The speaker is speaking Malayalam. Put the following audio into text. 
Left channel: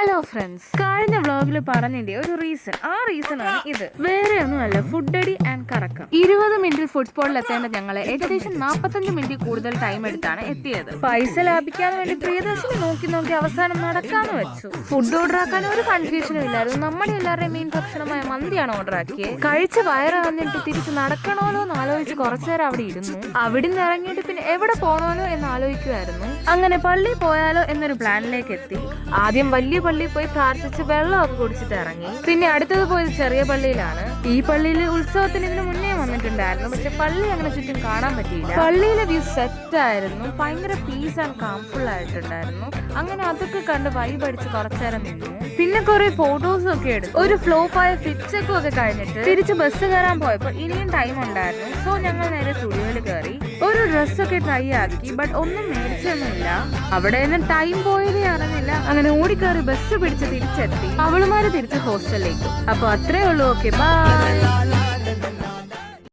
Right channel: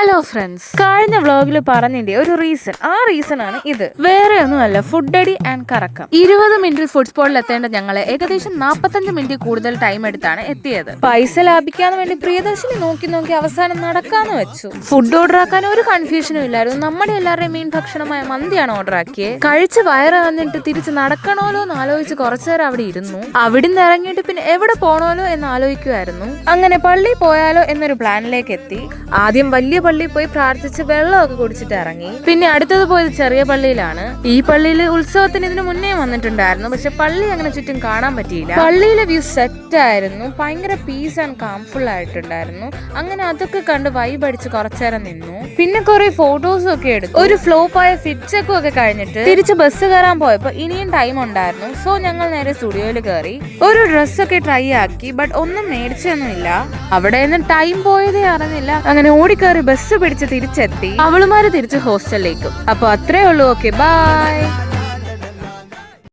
ഹലോ ഫ്രണ്ട്സ്, കഴിഞ്ഞ വ്ളോഗിൽ പറഞ്ഞതിന്റെ ഒരു റീസൺ, ആ റീസൺ ആണ് ഇത്. വേറെ ഒന്നുമല്ല, ഫുഡ് അടി ആൻഡ് കറക്കം. 20 മിനിറ്റിൽ ഫുഡ് സ്പോട്ടിൽ എത്തേണ്ട ഞങ്ങളെ ഏകദേശം 45 മിനിറ്റ് കൂടുതൽ ടൈം എടുത്താണ് എത്തിയത്. പൈസ ലാഭിക്കാൻ വേണ്ടി പ്രിയദർശിനി നോക്കി നോക്കി അവസാനം നടക്കാന്ന് വെച്ചു. ഫുഡ് ഓർഡർ ആക്കാൻ ഒരു കൺഫ്യൂഷനും ഇല്ലായിരുന്നു. നമ്മുടെ എല്ലാവരുടെയും മെയിൻ ഭക്ഷണമായ മന്തിയാണ് ഓർഡർ ആക്കിയത്. കഴിച്ച് വയറ് വന്നിട്ട് തിരിച്ച് നടക്കണമല്ലോ എന്ന് ആലോചിച്ച് കുറച്ചുനേരം അവിടെ ഇരുന്നു. അവിടുന്ന് ഇറങ്ങിയിട്ട് പിന്നെ എവിടെ പോകണമല്ലോ എന്ന് ആലോചിക്കുമായിരുന്നു. അങ്ങനെ പള്ളിയിൽ പോയാലോ എന്നൊരു പ്ലാനിലേക്ക് എത്തി. ആദ്യം വലിയ പള്ളിയിൽ പോയി പ്രാർത്ഥിച്ച് വെള്ളമൊക്കെ കുടിച്ചിട്ട് ഇറങ്ങി. പിന്നെ അടുത്തത് പോയത് ചെറിയ പള്ളിയിലാണ്. ഈ പള്ളിയിൽ ഉത്സവത്തിന് ഇതിനു മുന്നേ വന്നിട്ടുണ്ടായിരുന്നു, പക്ഷെ പള്ളി അങ്ങനെ ചുറ്റും കാണാൻ പറ്റിയില്ല. പള്ളിയിലെ വ്യൂ സെറ്റ് ആയിരുന്നു, ഭയങ്കര പീസ് ആൻഡ് കാംഫുൾ ആയിട്ടുണ്ടായിരുന്നു. അങ്ങനെ അതൊക്കെ കണ്ട് വൈബ് അടിച്ച് കുറച്ചേരം നിന്നു. പിന്നെ കുറെ ഫോട്ടോസും ഒക്കെ എടുത്തു. ഒരു ഫ്ലോപ്പായ ഫിറ്റ് ചെക്കും ഒക്കെ കഴിഞ്ഞിട്ട് തിരിച്ച് ബസ് കയറാൻ പോയപ്പോ ഇനിയും ടൈം ഉണ്ടായിരുന്നു. സോ ഞങ്ങൾ നേരെ സ്റ്റുഡിയോയിൽ കയറി ഒരു ഡ്രസ്സൊക്കെ ട്രൈ ആക്കി. ബട്ട് ഒന്നും മേടിച്ചൊന്നുമില്ല. അവിടെ നിന്ന് ടൈം പോയതേ അറിഞ്ഞില്ല. അങ്ങനെ ഓടിക്കയറി ബസ് പിടിച്ച് തിരിച്ചെത്തി. അവളുമാര് തിരിച്ച് ഹോസ്റ്റലിലേക്കും. അപ്പൊ അത്രേ ഉള്ളൂ. Okay, by.